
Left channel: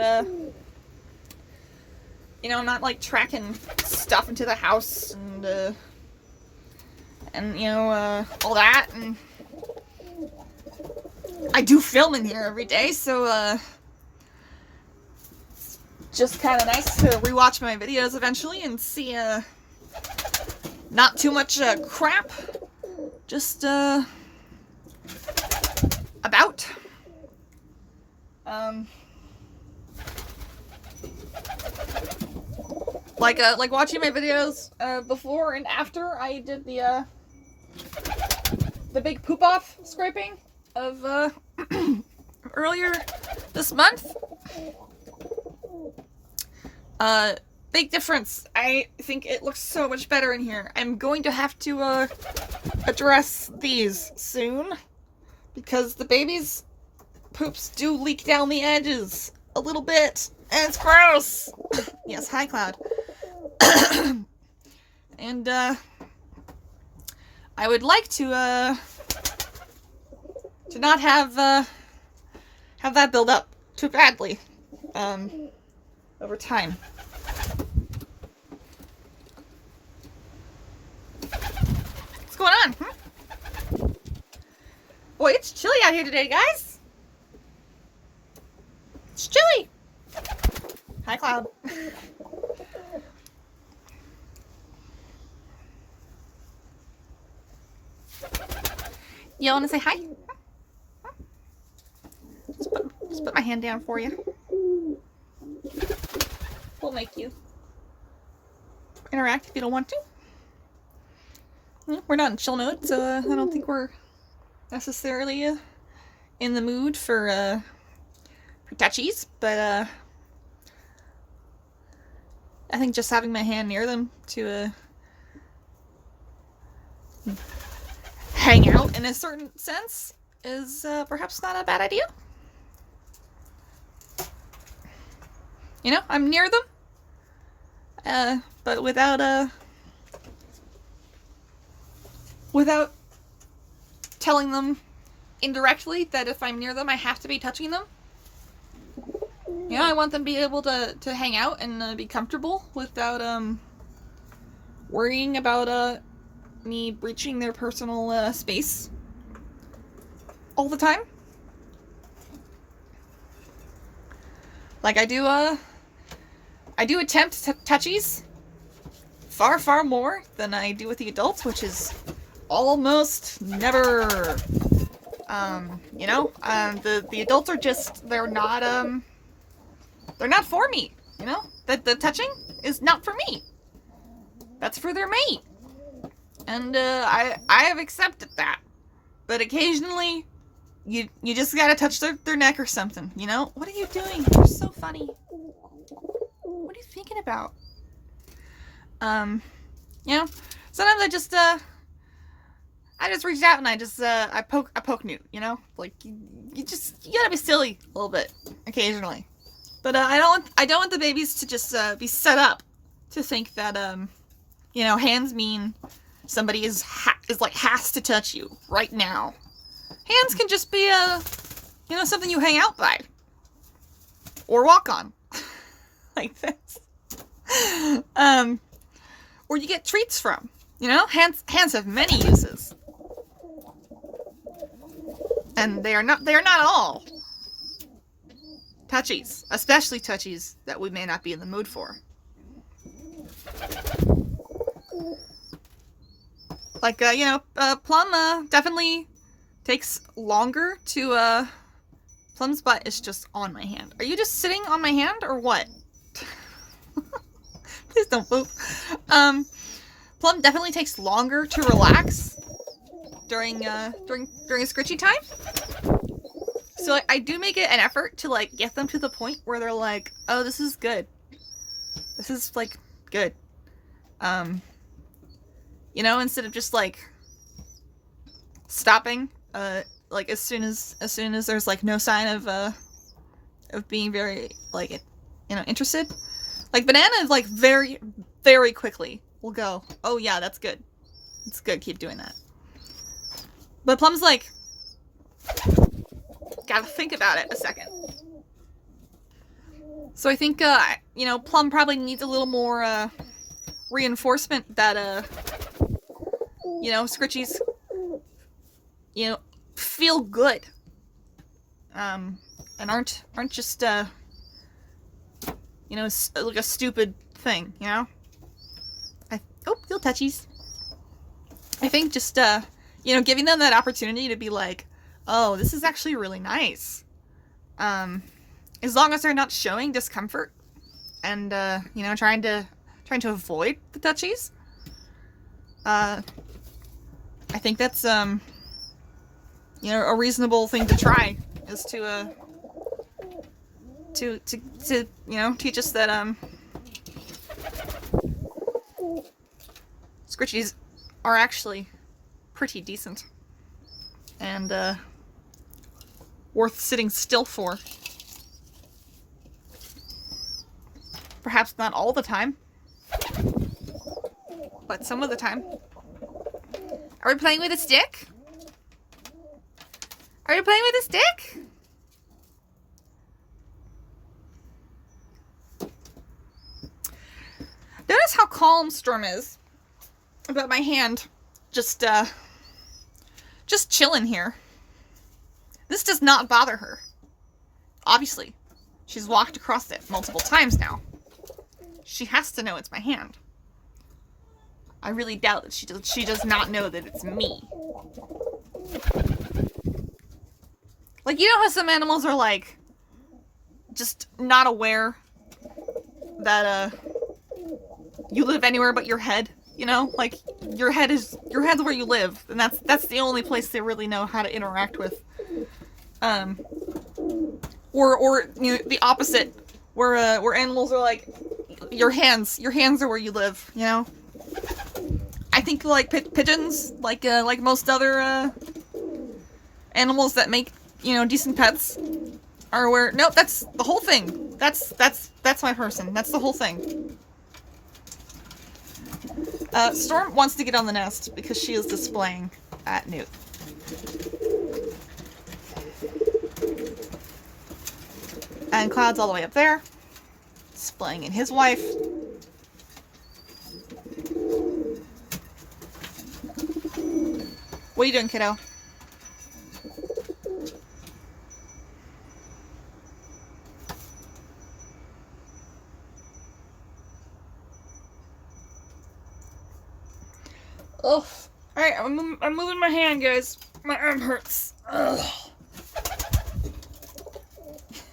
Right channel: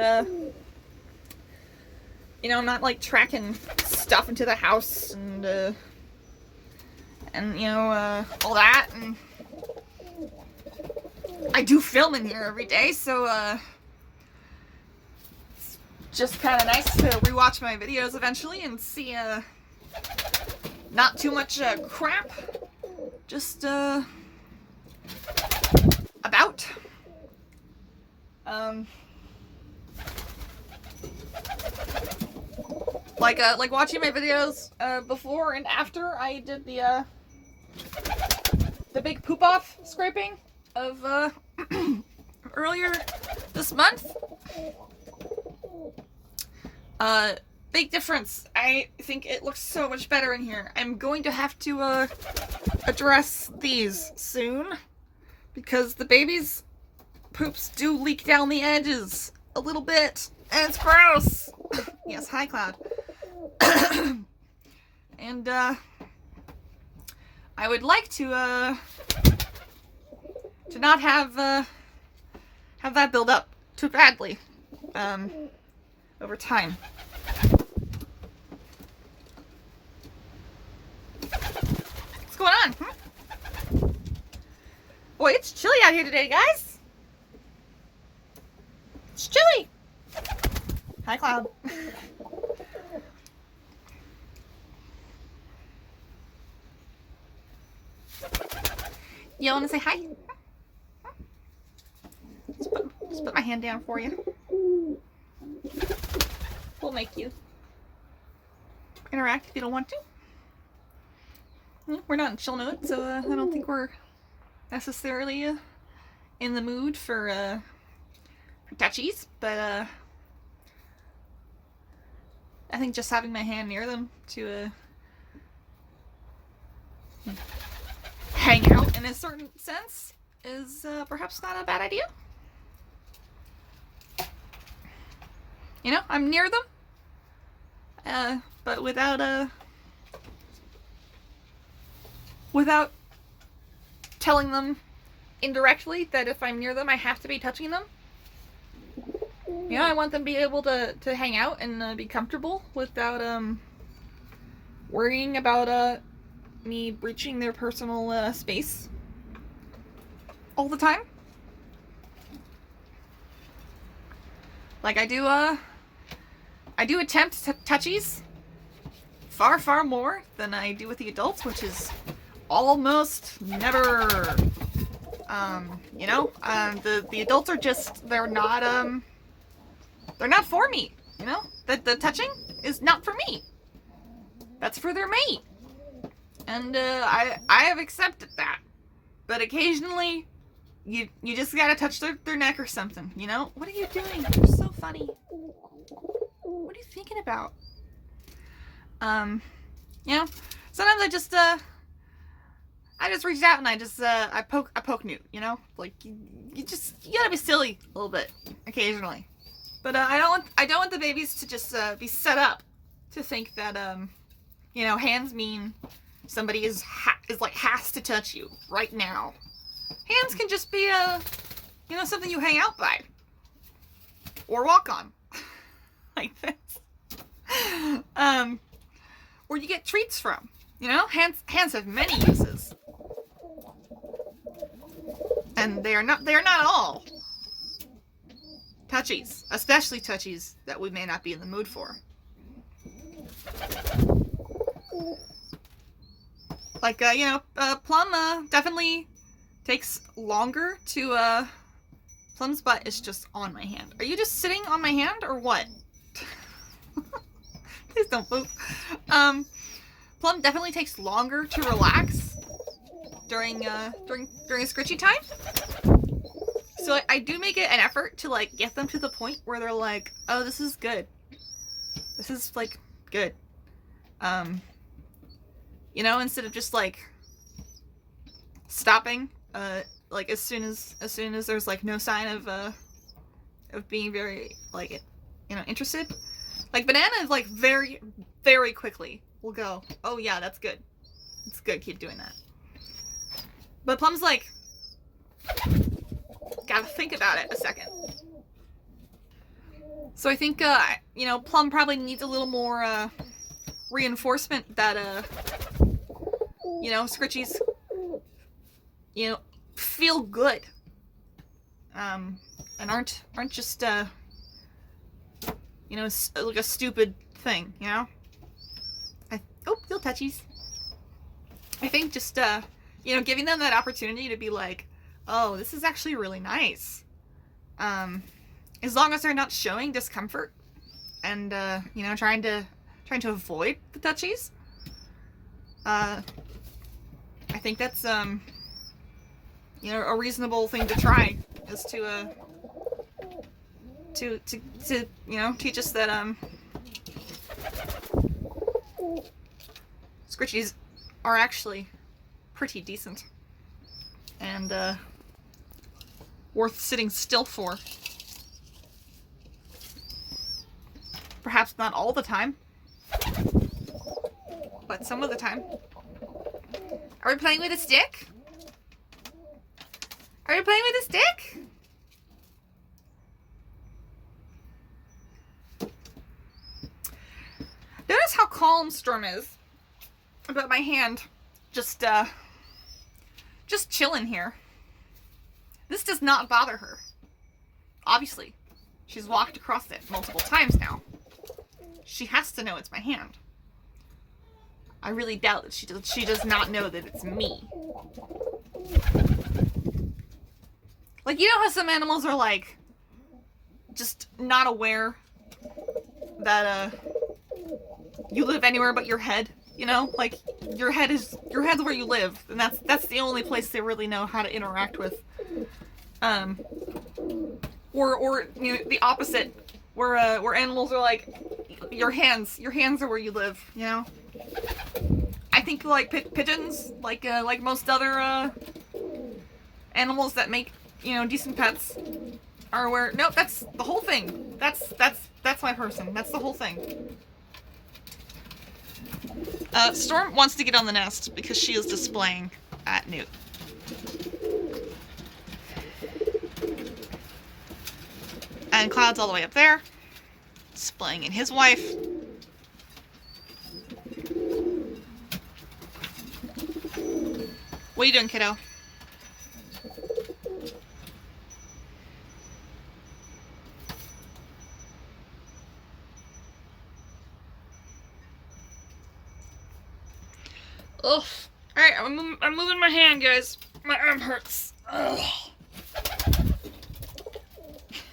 you know, I'm not like tracking stuff into the house and you know, all that, and I do film in here every day, so it's just kind of nice to rewatch my videos eventually and see not too much crap, just about. Like watching my videos before and after I did the big poop off scraping of earlier this month. Big difference. I think it looks so much better in here. I'm going to have to address these soon, because the baby's poops do leak down the edges a little bit, and it's gross. Yes, hi Cloud. And I would like to not have that build up too badly over time. What's going on? Boy, it's chilly out here today, guys. It's chilly. Hi, Cloud. You want to say hi? Just put my hand down for you. We'll make you interact if you don't want to. We're not in chill mode, so I don't think we're necessarily in the mood for touchies, but I think just having my hand near them to hang out in a certain sense is perhaps not a bad idea. You know, I'm near them, but without telling them indirectly that if I'm near them, I have to be touching them. You know, I want them to be able to hang out and be comfortable without worrying about me breaching their personal space all the time. Like I do attempt touchies far, far more than I do with the adults, which is almost never. You know, the adults are just, they're not for me, you know? The touching is not for me. That's for their mate. And, I have accepted that. But occasionally, you just gotta touch their neck or something, you know? What are you doing? You're so funny. What are you thinking about? You know, sometimes I just reach out and I poke Newt, you know? Like, you gotta be silly a little bit, occasionally. But, I don't want the babies to just, be set up to think that, you know, hands mean somebody has to touch you right now. Hands can just be, you know, something you hang out by. Or walk on. Like this. Or you get treats from. You know, hands have many uses. And they are not all touchies, especially touchies that we may not be in the mood for. Like, you know, Plum definitely takes longer to, Plum's butt is just on my hand. Are you just sitting on my hand or what? Please don't poop. Plum definitely takes longer to relax during scritchy time. So I do make it an effort to, like, get them to the point where they're like, oh, this is good. This is, like, good. You know, instead of just, like, stopping, like, as soon as there's, like, no sign of being very, like, you know, interested. Like, Banana is, like, very, very quickly will go, oh, yeah, that's good. It's good, keep doing that. But Plum's like, gotta think about it a second. So I think, you know, Plum probably needs a little more, reinforcement that, you know, Scritchies, you know, feel good. And aren't just, you know, like a stupid thing, you know? Oh, feel touchies. I think just, you know, giving them that opportunity to be like, oh, this is actually really nice. As long as they're not showing discomfort and, you know, trying to avoid the touchies. I think that's, you know, a reasonable thing to try is to you know, teach us that, Scritchies are actually pretty decent and, worth sitting still for. Perhaps not all the time, but some of the time. Are we playing with a stick? Are you playing with a stick? Notice how calm Storm is about my hand just chilling here. This does not bother her. Obviously, she's walked across it multiple times now. She has to know it's my hand. I really doubt that she does not know that it's me. Like, you know how some animals are, like, just not aware that, you live anywhere but your head, you know? Like, your head's where you live, and that's the only place they really know how to interact with. Or you know, the opposite, where animals are like, your hands are where you live, you know? I think, like, pigeons, like most other, animals that make, you know, decent pets, are where, nope, that's the whole thing. That's my person. That's the whole thing. Storm wants to get on the nest because she is displaying at Newt. And Cloud's all the way up there, displaying in his wife. What are you doing, kiddo? Ugh. Alright, I'm moving my hand, guys. My arm hurts. Ugh.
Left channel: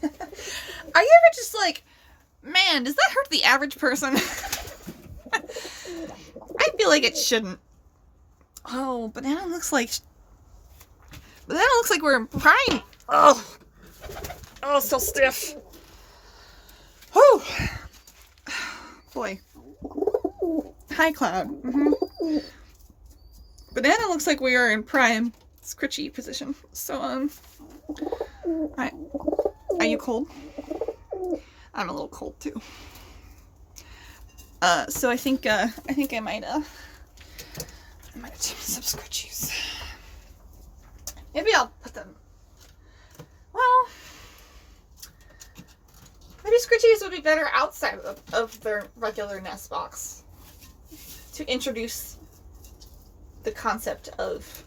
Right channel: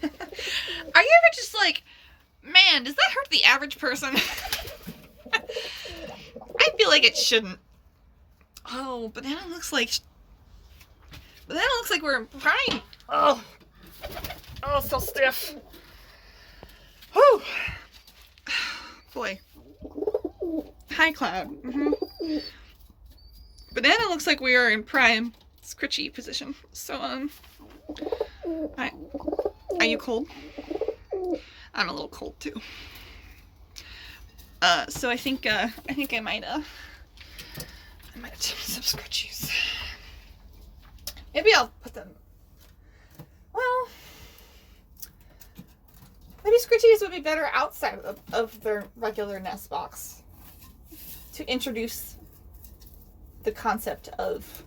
Are you ever just like, man, does that hurt the average person? I feel like it shouldn't. Oh, banana looks like we're in prime. Oh, it's so stiff. Whew. Boy. Hi, Cloud. Banana looks like we are in prime scritchy position. So, hi. Are you cold? I'm a little cold too. So I think I might some scritchies. Maybe I'll put them. Well, maybe scritchies would be better outside of their regular nest box to introduce the concept of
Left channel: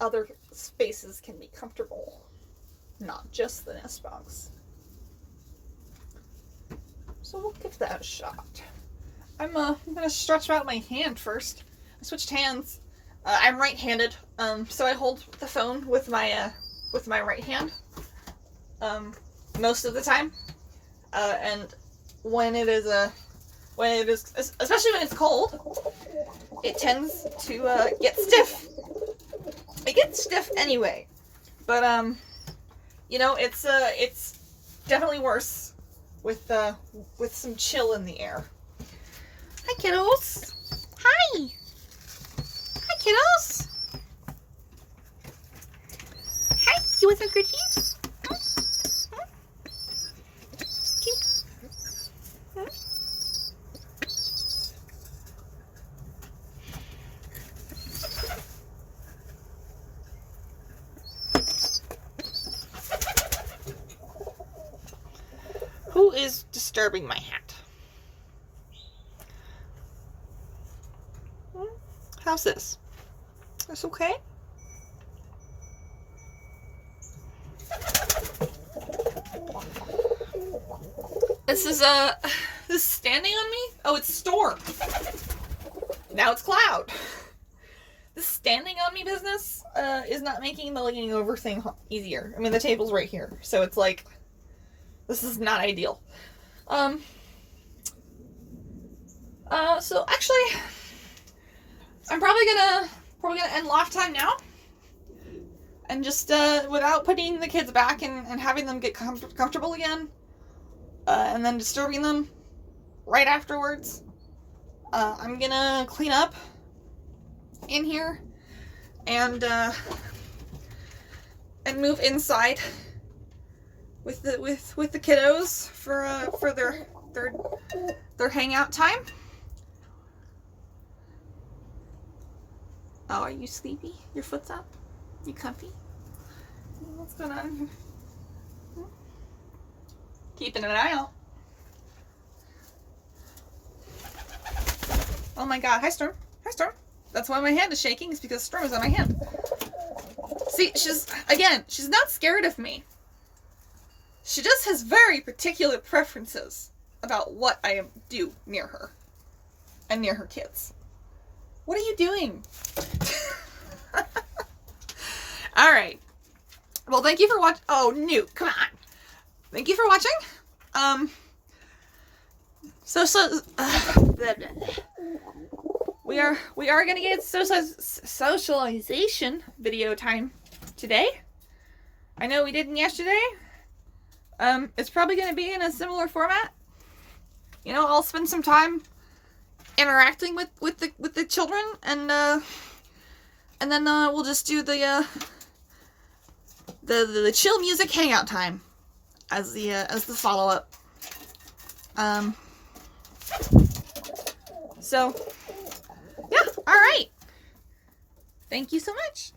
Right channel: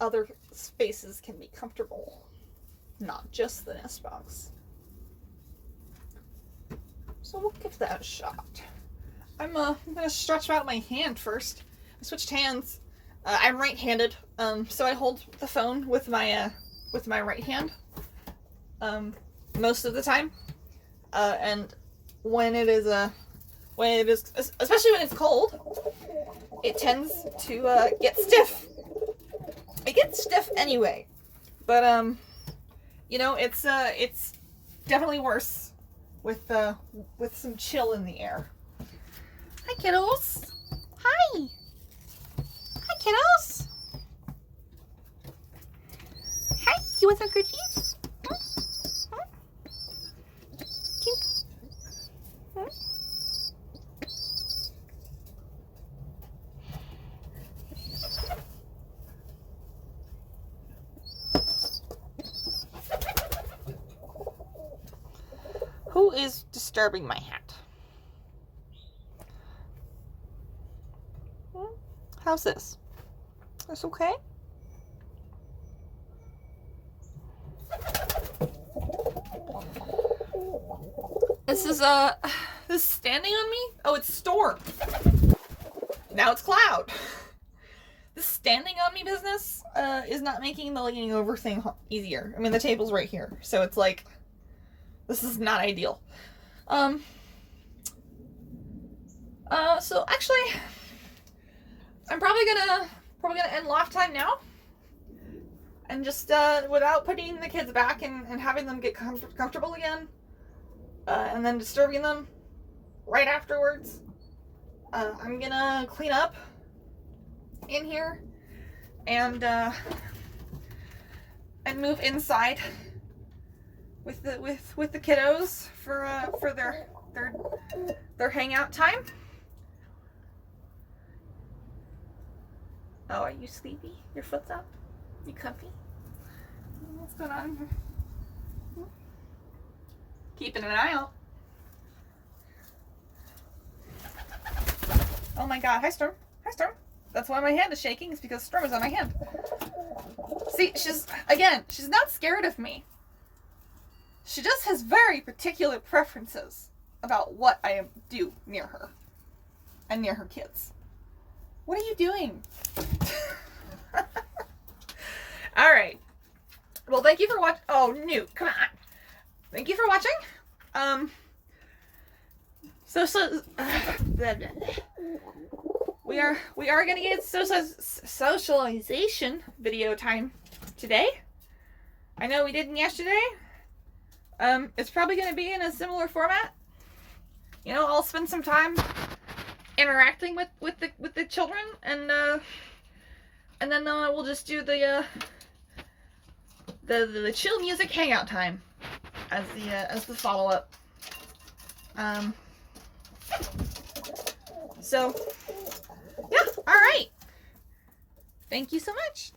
other spaces can be comfortable, not just the nest box. So we'll give that a shot. I'm gonna stretch out my hand first. I switched hands. I'm right-handed, so I hold the phone with my right hand most of the time. And when it is especially when it's cold, it tends to get stiff. It gets stiff anyway, but you know, it's definitely worse with some chill in the air. Hi, kiddos. Hi. Hi, kiddos. Hi. You want some cookies? Who is disturbing my hat? How's this? This okay? This is standing on me? Oh, it's Storm. Now it's Cloud. This standing on me business is not making the leaning over thing easier. I mean, the table's right here, so it's like, this is not ideal. So actually, I'm probably gonna end Loft time now, and just without putting the kids back and having them get comfortable again, and then disturbing them right afterwards. I'm gonna clean up in here and move inside with the kiddos for their hangout time. Oh, are you sleepy? Your foot's up? You comfy? What's going on? Keeping an eye out. Oh my god. Hi, Storm. Hi, Storm. That's why my hand is shaking, is because Storm is on my hand. See, she's not scared of me. She just has very particular preferences about what I do near her and near her kids. What are you doing? All right. Well, thank you for watching. Oh, Newt, come on. Thank you for watching. We are gonna get socialization video time today. I know we didn't yesterday. It's probably gonna be in a similar format. You know, I'll spend some time interacting with the children, and then we'll just do the chill music hangout time as the follow up. So yeah, all right. Thank you so much.